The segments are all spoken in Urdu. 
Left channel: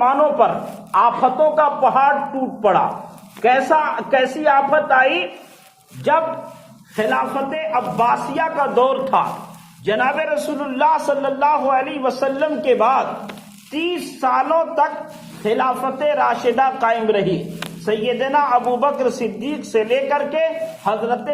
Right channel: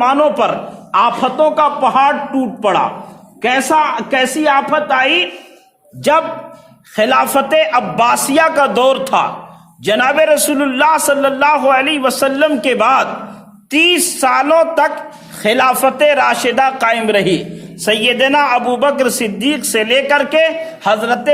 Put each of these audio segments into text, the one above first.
مسلمانوں پر آفتوں کا پہاڑ ٹوٹ پڑا۔ کیسی آفت آئی؟ جب خلافت عباسیہ کا دور تھا، جناب رسول اللہ صلی اللہ علیہ وسلم کے بعد 30 سالوں تک خلافت راشدہ قائم رہی۔ سیدنا ابو بکر صدیق سے لے کر کے حضرت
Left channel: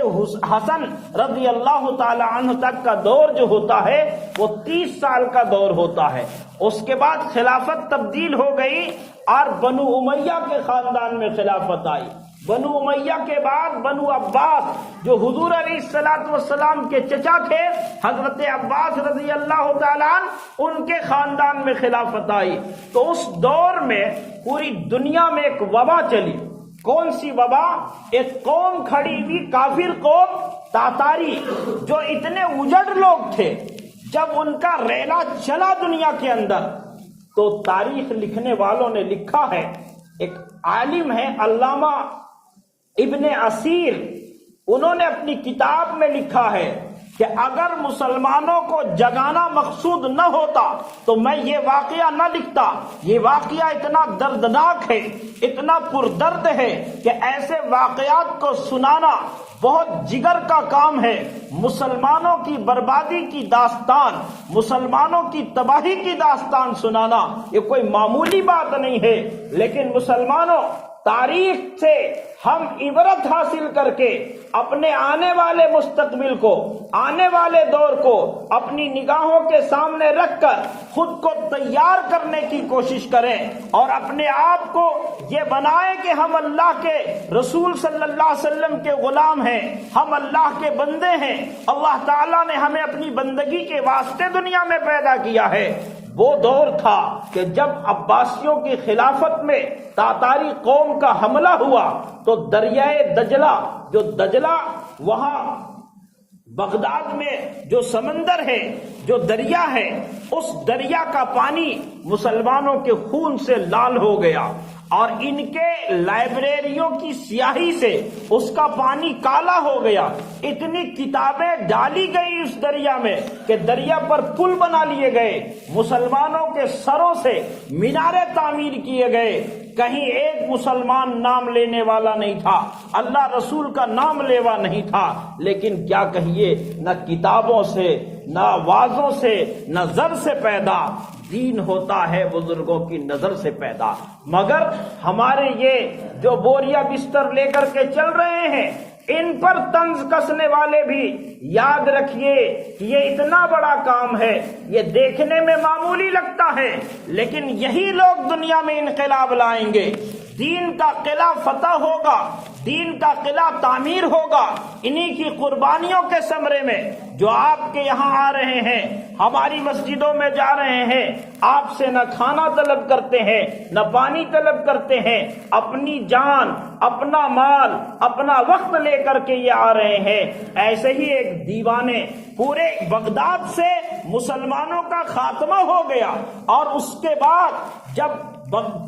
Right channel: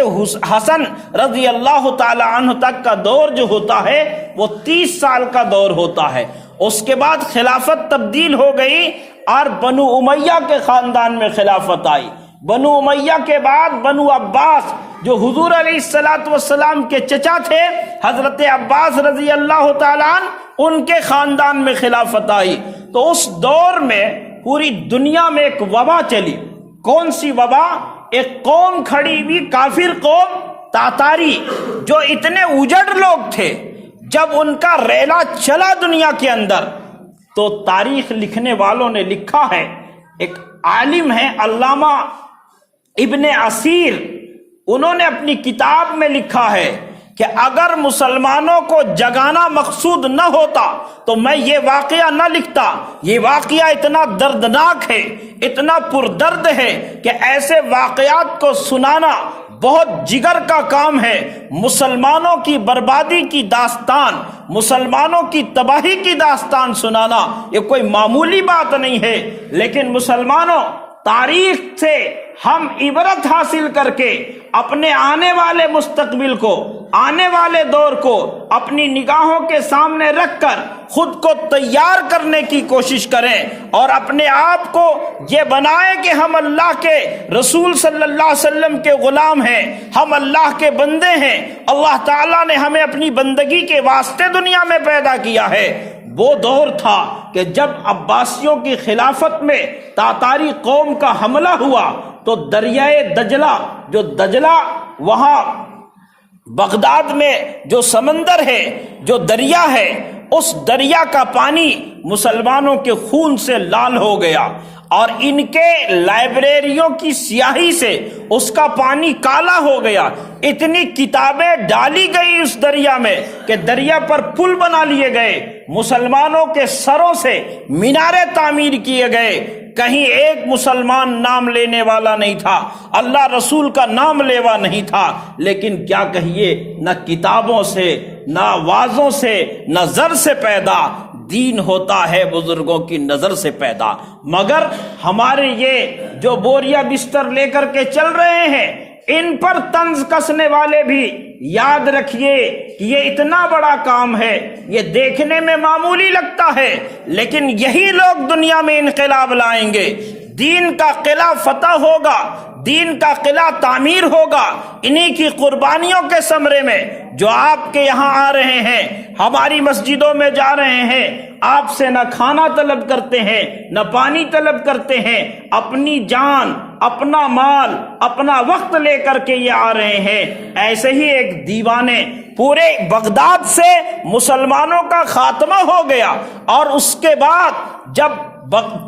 حسن رضی اللہ تعالی عنہ تک کا دور جو ہوتا ہے وہ 30 سال کا دور ہوتا ہے۔ اس کے بعد خلافت تبدیل ہو گئی اور بنو امیہ کے خاندان میں خلافت آئی۔ بنو امیہ کے بعد بنو عباس، جو حضور علیہ السلام کے چچا تھے حضرت عباس رضی اللہ تعالیٰ عنہ، ان کے خاندان میں خلافت آئی۔ تو اس دور میں پوری دنیا میں ایک وبا چلی۔ کون سی وبا؟ ایک قوم کھڑی ہوئی، کافر قوم تاتاری، جو اتنے اجڑ لوگ تھے، جب ان کا ریلا چلا دنیا کے اندر تو تاریخ لکھنے والوں نے لکھا ہے، ایک عالم ہے علامہ ابن اسیر، انہوں نے اپنی کتاب میں لکھا ہے کہ اگر مسلمانوں کو جگانا مقصود نہ ہوتا تو میں یہ واقعہ نہ لکھتا۔ یہ واقعہ اتنا دردناک ہے، اتنا پردرد ہے کہ ایسے واقعات کو سنانا بہت جگر کا کام ہے۔ مسلمانوں کی بربادی کی داستان، مسلمانوں کی تباہی کی داستان سنانا یہ کوئی معمولی بات نہیں ہے۔ لیکن مسلمانوں، تاریخ سے ہم عبرت حاصل کر کے اپنے آنے والے مستقبل کو، آنے والے دور کو اپنی نگاہوں کے سامنے رکھ کر خود کو تیار کرنے کی کوشش کریں اور اپنے آپ کو یہ بنائیں کہ ہم اللہ کے رسول صلی اللہ علیہ وسلم کے غلام ہیں، ہم اللہ کے بندے ہیں۔ اللہ تعالیٰ نے ہمیں اپنی بندگی کے واسطے دنیا میں پیدا کیا ہے۔ وہ دور تھا کہ جب عباسیوں کی خلافت میں تاتاری قوم کا حملہ ہوا تو دریائے دجلہ، جو دجلہ وہاں بغداد میں جو سمندر ہے، جو دریا ہے، اس دریا کا پانی مسلمانوں کے خون سے لال ہو گیا اور ان کے لائبریریوں کی سیاہی سے اس کا پانی کالا ہو گیا۔ اتنی کتابیں ڈالی گئی اس دریا میں کہ دریا پر پل بنا لیے گئے، مسلمانوں کے سروں سے مینارے تعمیر کیے گئے۔ کہیں ایک مسلمان نام لینے والا نہیں تھا، اللہ رسول کا نام لیوا نہیں تھا۔ لیکن کیا کہیے، نہ کتابوں سے، نہ وعظوں سے، نہ زر سے پیدا دین ہوتا ہے، بزرگوں کی نظر سے پیدا۔ مگر ہمارے یہ جو بوریا بستر لے کر کے چل رہے ہیں، ان پر طنز کسنے والے بھی یاد رکھیے کہ یہ اتنا بڑا کام ہے، یہ دیکھنے میں معمولی لگتا ہے، لیکن یہی لوگ دنیا میں انقلاب لائیں گے۔ دین کا قلعہ فتح ہوگا، دین کا قلعہ تعمیر ہوگا انہی کی قربانیوں کے ثمرے میں۔ جو آپ کے یہاں آ رہے ہیں، ہماری مسجدوں میں جا رہے ہیں، آپ سے نہ کھانا طلب کرتے ہیں، نہ پانی طلب کرتے ہیں، اپنی جان، اپنا مال، اپنا وقت لے کر کے یہ آ رہے ہیں۔ ایسے ہی ایک دیوانے، پورے بغداد سے مسلمانوں کا خاتمہ ہو گیا اور اس کے بعد جب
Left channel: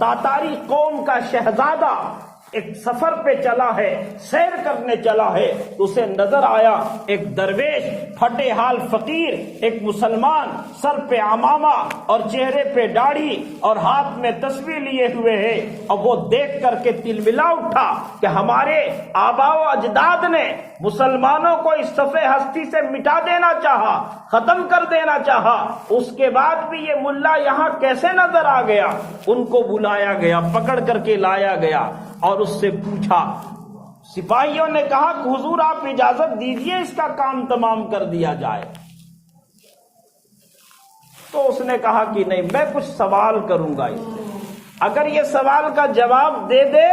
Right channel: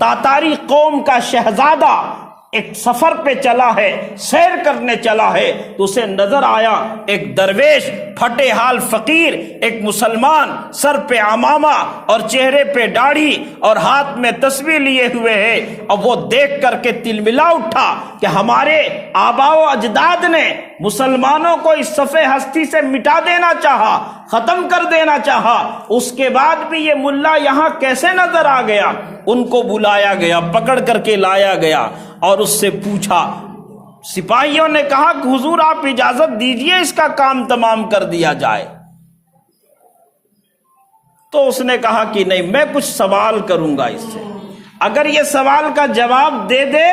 تاتاری قوم کا شہزادہ ایک سفر پہ چلا ہے، سیر کرنے چلا ہے، تو اسے نظر آیا ایک درویش، پھٹے حال فقیر، ایک مسلمان، سر پہ عمامہ اور چہرے پہ داڑھی اور ہاتھ میں تسبیح لیے ہوئے ہے۔ اور وہ دیکھ کر کے تلملا اٹھا کہ ہمارے آبا و اجداد نے مسلمانوں کو اس صفحے ہستی سے مٹا دینا چاہا، ختم کر دینا چاہا، اس کے بعد بھی یہ ملا یہاں کیسے نظر آ گیا؟ ان کو بلایا گیا، پکڑ کر کے لایا گیا اور اس سے پوچھا۔ سپاہیوں نے کہا کہ حضور آپ اجازت دیجئے اس کا کام تمام کر دیا جائے۔ تو اس نے کہا کہ نہیں، میں کچھ سوال کروں گا اس سے، اگر یہ سوال کا جواب دے دے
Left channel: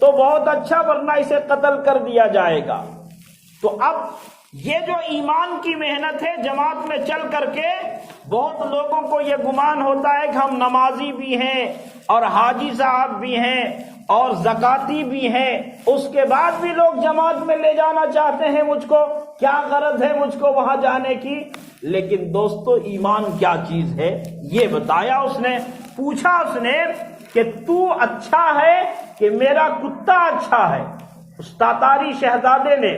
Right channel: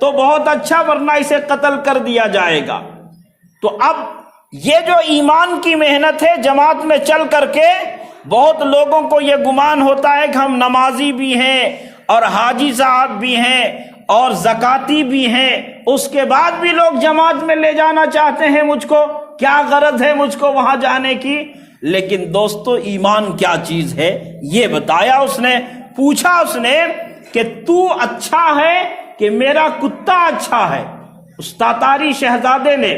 تو بہت اچھا، ورنہ اسے قتل کر دیا جائے گا۔ تو اب یہ جو ایمان کی محنت ہے جماعت میں چل کر کے، بہت لوگوں کو یہ گمان ہوتا ہے کہ ہم نمازی بھی ہیں اور حاجی صاحب بھی ہیں اور زکاتی بھی ہیں، اس کے بعد بھی لوگ جماعت میں لے جانا چاہتے ہیں مجھ کو، کیا غرض ہے مجھ کو وہاں جانے کی؟ لیکن دوستو، ایمان کیا چیز ہے یہ بتایا اس نے۔ پوچھا اس نے کہ تو اچھا ہے کہ میرا کتا اچھا ہے، اس تاتاری شہزادے نے۔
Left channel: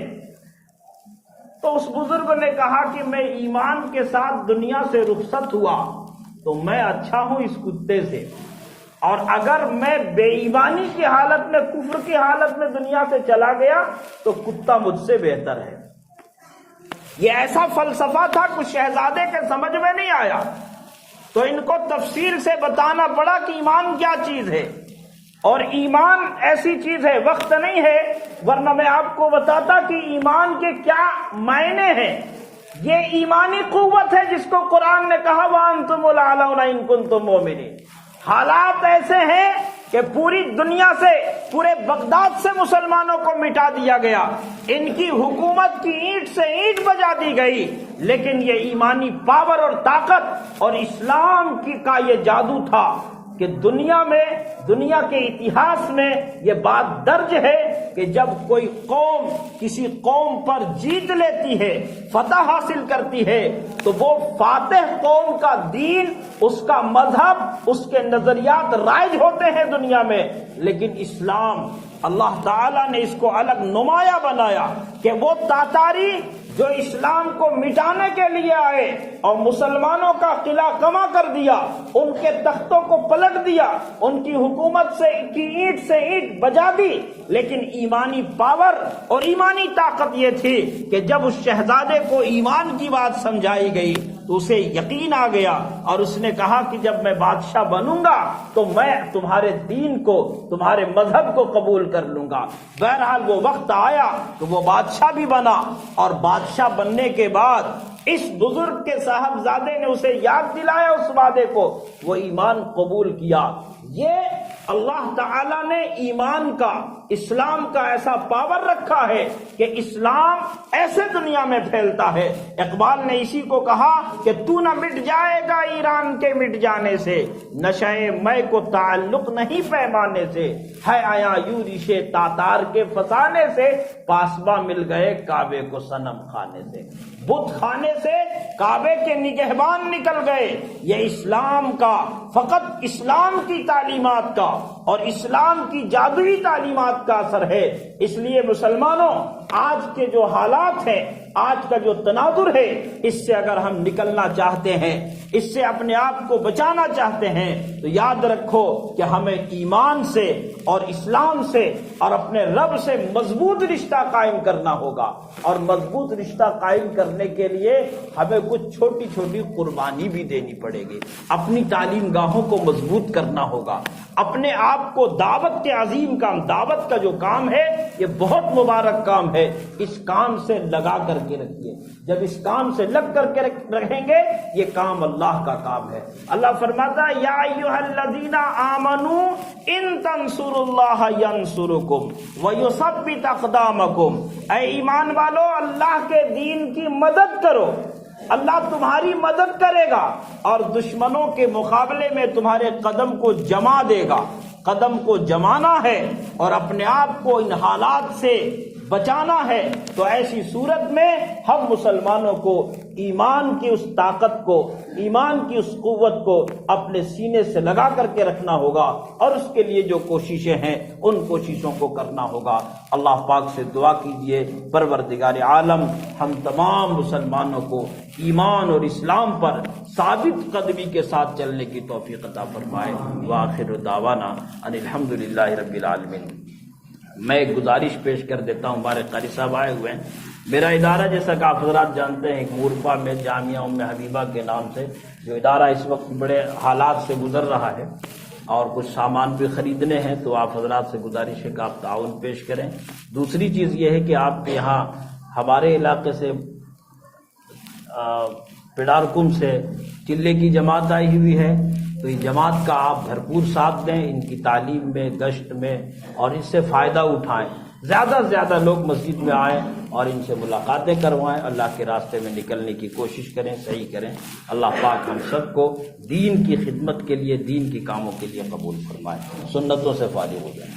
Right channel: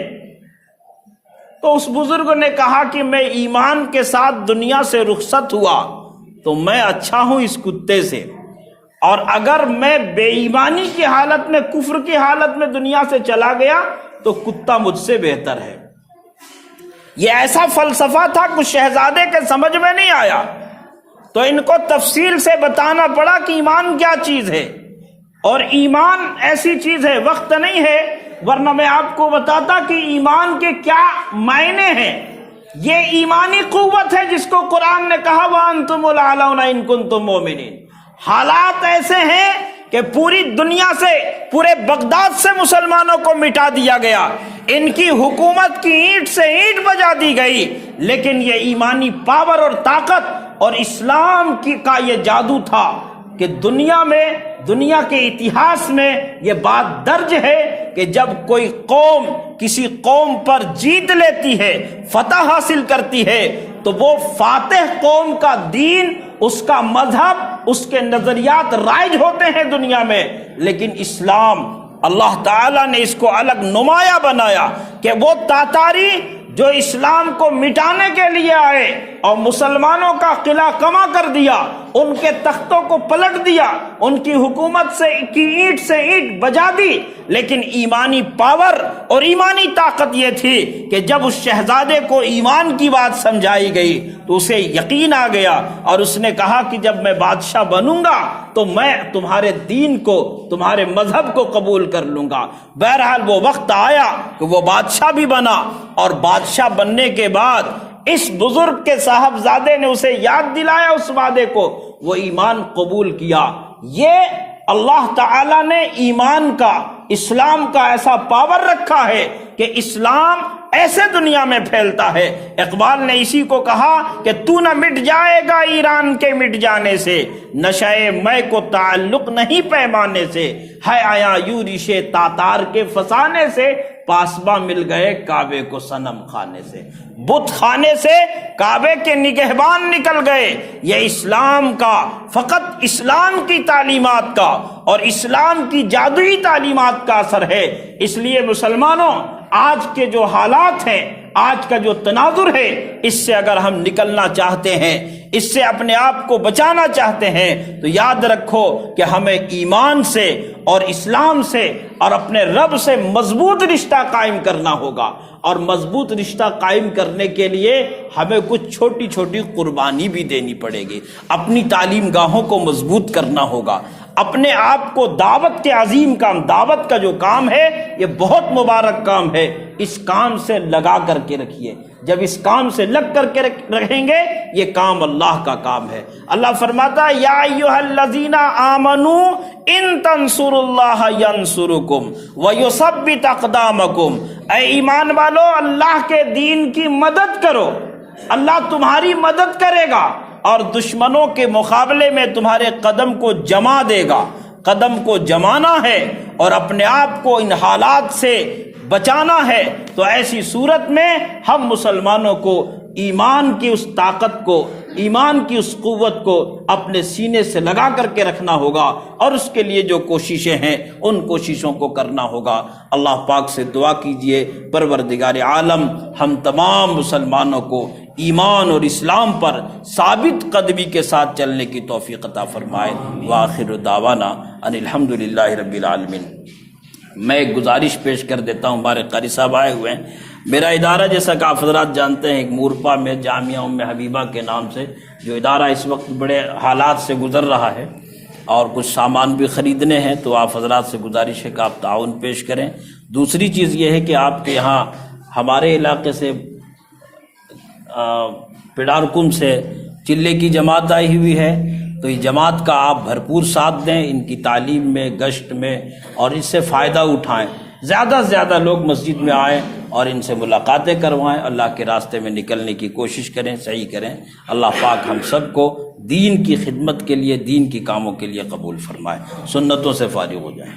تو اس بزرگ نے کہا کہ میں ایمان کے ساتھ دنیا سے رخصت ہوا تو میں اچھا ہوں اس کتے سے، اور اگر میں بے ایمانی کی حالت میں، کفر کی حالت میں دنیا سے چلا گیا تو کتا مجھ سے بہتر ہے۔ یہ ایسا فلسفہ تھا کچھ شہزادے کے سمجھ میں نہیں آیا، تو ان کو تفصیل سے بتانا پڑا کہ ایمان کیا چیز ہے۔ اور ایمان ایسی چیز ہے، وقت نہیں ہے ورنہ میں آپ کو بتاتا کہ ایمان کے کیا معنی ہیں۔ یہ ایمانی قوت ہے جس کو قرآن نے کہا وَأَنْتُمُ الْأَعْلَوْنَ إِن كُنتُم مُؤْمِنِينَ۔ حالات ایسے ہیں کہ پوری دنیا سے، پورے بغداد سے مسلمانوں کو مٹا دیا گیا، ان کی حکومت کی اینٹ سے اینٹ بجا دی گئی، لیکن یہ ایمانی پاور اور طاقت اور اسلام کا یہ جادو تھا کہ دنیا میں، دنیا کے اتہاس میں یہ بات درج ہے کہ جب کوئی قوم کسی قوم پر جیت لیتی ہے، فتح حاصل کرتی ہے، تو وہ فاتح قوم کا دین، اس کا مذہب، اس کے نظریات رائج ہوتے ہیں دنیا میں، لیکن اسلام اللہ تعالیٰ نے اس کو الگ نمایاں بنایا کہ وہ تاتاری جو اسلام کو مٹانے کے لیے آئے اور مسلمانوں کا قلعہ کما کر دیا، ان کے تختوں کو پلٹ دیا، ان کی حکومت سے کی اینٹ سے اینٹ بجا دی، لیکن ایمانی پاور اور ایمانی طاقت یہ تھی کہ جب اس شہزادے کو ایمان کی بات سمجھائی گئی تو اسے یقین آ گیا، اور اس نے کہا کہ جب میں بادشاہ بنوں گا تو میں تمہارے دین کو، تمہارے مذہب کو قبول کر لوں گا۔ بہرحال وہ وقت آیا کہ وہ بادشاہ بھی بنا، اور بادشاہ بننے کے بعد اس بزرگ کے صاحبزادے نے اسے یاد دلایا اس وعدے کو، وہ ایمان قبول کیا۔ یہ اللہ تعالیٰ نے ایمان کا، اسلام کا ایسا پاور رکھا ہے کہ اسلام ایسے دنیا میں پھیلتا ہے۔ اقبال نے اسی کو کہا کہ تو نہ مٹ جائے گا ایران کے مٹ جانے سے، نشائے میں کو تعلق نہیں پیمانے سے، ہے آیا یوں ریشے تاتار کے فسانے سے، پاسباں مل گئے کعبے کو صنم خانے سے۔ بت خانے سے کعبے کے نگہبان نکل گئے۔ یہ اسلام کا، فقط اسلام کی تعلیمات کا اور اسلام کی جادوئی تعلیمات کا اثر ہے۔ اس لیے مسلمانوں، آج کے جو حالات ہیں، آج کا جو تناظر ہے، اس سے اگر ہم نکلنا چاہتے ہیں، اس سے اپنے آپ کو بچانا چاہتے ہیں، تو یاد رکھو کہ ہمیں ایمان سے اور اسلام سے اور اپنے رب سے مضبوط رشتہ قائم کرنا ہوگا، اور مضبوط رشتہ قائم کرنے کے لیے ہمیں کچھ چھوٹی چھوٹی قربانی بھی دینی پڑے گی۔ اپنی تعلیم گاہوں کو مضبوط کرنا ہوگا، اپنے آپ کو دعوت کے عظیم کام، دعوت کا جو کام ہے یہ بہت مبارک کام ہے، اس کام سے لگا کر کے رکھیے۔ جب اس کام سے لگ کر کے رہیں گے، یہ کام اللہ کا کام ہے۔ اللہ فرماتا ہے یا ایھا الذین آمنوا ان تنصروا اللہ ینصرکم ویثبت اقدامکم، اے ایمان والو اللہ کے دین کی مدد کرو، اللہ تمہاری مدد کرے گا اور دشمنوں کے مقابلے میں تمہارے قدم کو جما دے گا۔ قدم کو جمانا ہے اور اپنے آپ کو ان حالات سے بچانا ہے، تو ایسی صورت میں ہم مسلمانوں کو ایمان کی اس طاقت کو، ایمان کی اس قوت کو اپنے سینے سے لگا کر کے رکھنا ہوگا، اور اس کے لیے جو کوششیں ہیں ان کوششوں کو کرنا ہوگا۔ اللہ پاک سے دعا کیجئے پروردگار عالم ہم تمام مسلمانوں کو ایمان اور اسلام پر ثابت قدمی کے ساتھ چلنے کی توفیق عطا فرمائے۔ وآخر دعوانا ان الحمدللہ رب العالمین۔ میں ایک گزارش پیش کر دیتا ہوں، ہمارے قاری صاحب آئے ہوئے ہیں۔ میرا ادارہ جیسا کہ آپ حضرات جانتے ہیں، ایک مورپا میں جامعہ ام حبیبہ کے نام سے جو ادارہ اس وقت بڑے حالات سے گزر رہا ہے اور کچھ سامان بھی خریدنے ہیں، تو آپ حضرات سے گزارش ہے کہ آپ تعاون پیش کریں۔ دوسری چیز یہ ہے کہ آپ کے یہاں ہمارے علاقے سے پڈارکم سے چلے کی جماعت آئی ہوئی ہے، تو یہ جماعت کا آپ بھرپور ساتھ دیں، ان کی تعلیم میں، گشت میں، اور اس سے فائدہ اٹھائیں۔ زیادہ سے زیادہ لوگ مسجد میں آئیں اور ان سے ملاقاتیں کروائیں، اللہ کے راستے میں نکلنے کی کوشش کریں، صحیح کریں۔ اللہ پاک ہم سب کو دین کی خدمت کے لیے، دین کی کاموں کے لیے قبول فرمائے، سنتوں سے فارغ ہو جائیں۔